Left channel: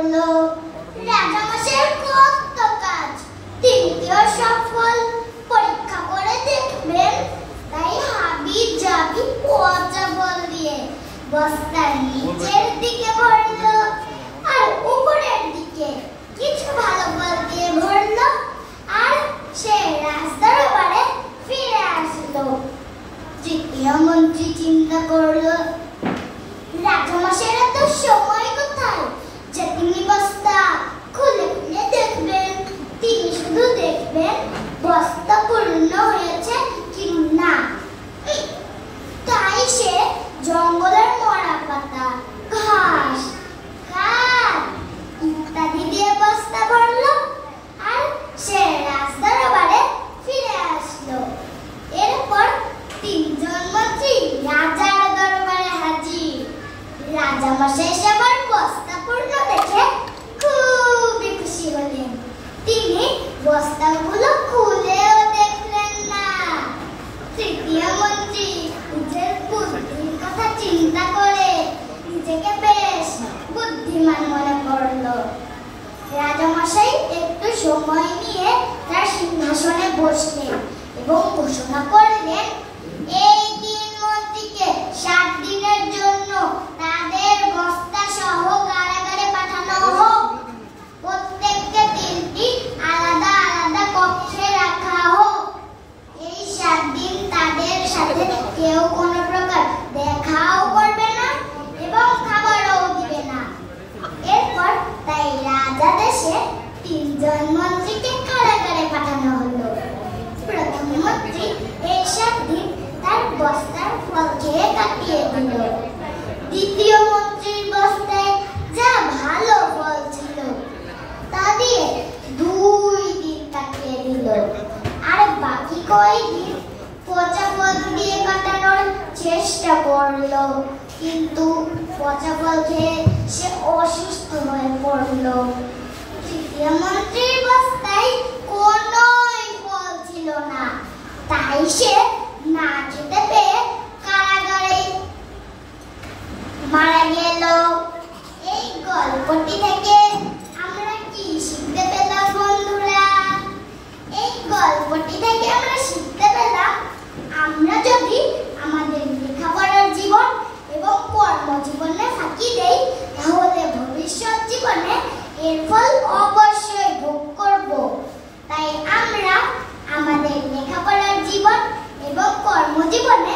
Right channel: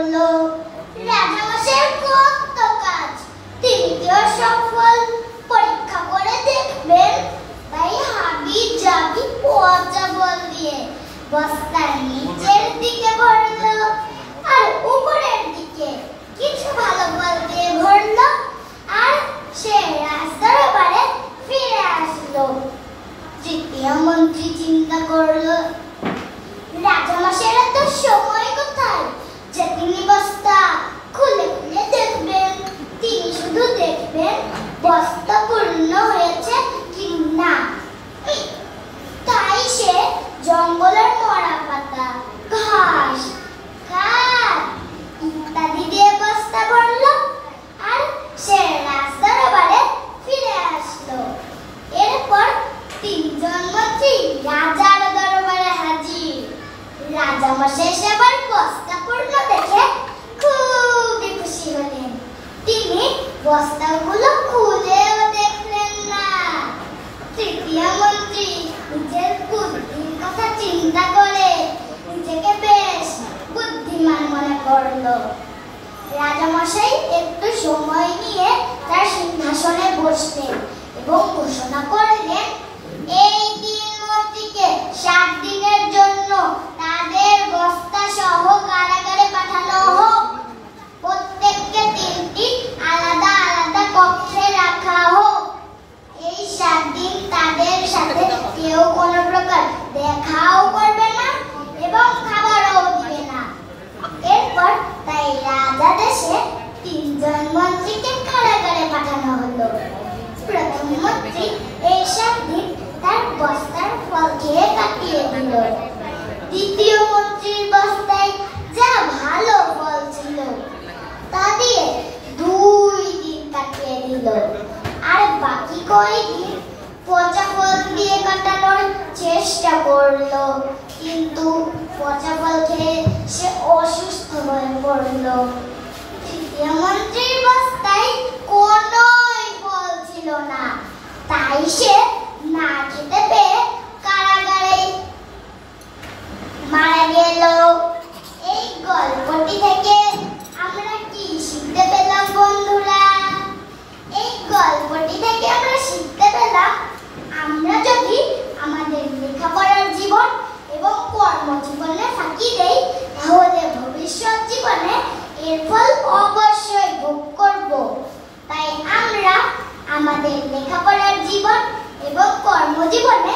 করলো। রাজামশাইয়ের কত কাজ, তিনিও সফল। পরীক্ষা করে দেখবেন, তাই হাবি জাবি পচা বল দিয়ে বস্তার নিচের দিকে ভরলো, আর উপরের দিকে কিছু ভালো বল দিয়ে ভরলো, আর সে রাজদরবারে ফিরে আসলো। তৃতীয় মন্ত্রী চিন্তা করলো, রাজামশাইয়ের তো সময় কোথায় যে তিনি বস্তা খুলে খুলে দেখবেন। তিনি শুধু দেখবেন বস্তা পূর্ণ হয়েছে কি না। তাই সে জঙ্গলের মরা পাতা, ঘাস, কাঠ ইত্যাদি দিয়ে বস্তা ভরলো, আর সে রাজদরবারে ফিরে আসলো। এরপর তিনজন মন্ত্রী রাজার দরবারে হাজির। রাজামশাই সেবার বস্তা পূর্ণ দেখে খুবই খুশি হলেন। তিনি বস্তাগুলো খুলেও দেখলেন না। তৃতীয় মন্ত্রী নিজের বুদ্ধির কথা চিন্তা করে নিজেকে বেশ বুদ্ধিমান মনে করলো। রাজামশাই একটু সময় নিয়ে তার সিংহাসনে বসলেন এবং ঘোষণা করলেন, এই তিন মন্ত্রীকে 7 দিনের জন্য তাদের বস্তা সহ কারাগারে পাঠানো হোক। প্রত্যেককে 3টি আলাদা আলাদা কক্ষে রাখা হোক। এই 7 দিন তাদের সাথে কেউ কোনো প্রকার দেখাও করবে না এবং খাবারও দিবে না। এরপর তাই রাজাদেশে 3 জন মন্ত্রীকে কারাগারে পাঠানো হলো। প্রথম মন্ত্রী এই 7 দিন তার বস্তার ফল খেয়ে কাটিয়ে দিল। দ্বিতীয় মন্ত্রীর বস্তায় যা ভালো ফল ছিল তা দিয়ে 2 দিন কাটিয়ে দিল, আর বাকি কয়েকদিন পচা ফল দিয়ে কাটানোর চেষ্টা করলো। কিন্তু পচা ফল খেয়ে সে অসুস্থ হয়ে পড়লো। তৃতীয় মন্ত্রীর বস্তায় কোনো ফল ছিল না, তাই সে না খেতে পেয়ে কারাগারে মারা গেল। এই গল্পটি থেকে আমরা কি শিখতে পেলাম বন্ধুরা? এই গল্পটি থেকে আমরা শিখতে পেলাম, আমরা যদি আমাদের লেখাপড়ার জীবন এবং কর্মজীবনে ফাঁকি দেই, তাহলে ভবিষ্যৎ জীবনে এর ফল অবশ্যই ভোগ করব। তাই আমরা আমাদের লেখাপড়ার জীবন এবং কর্মজীবনে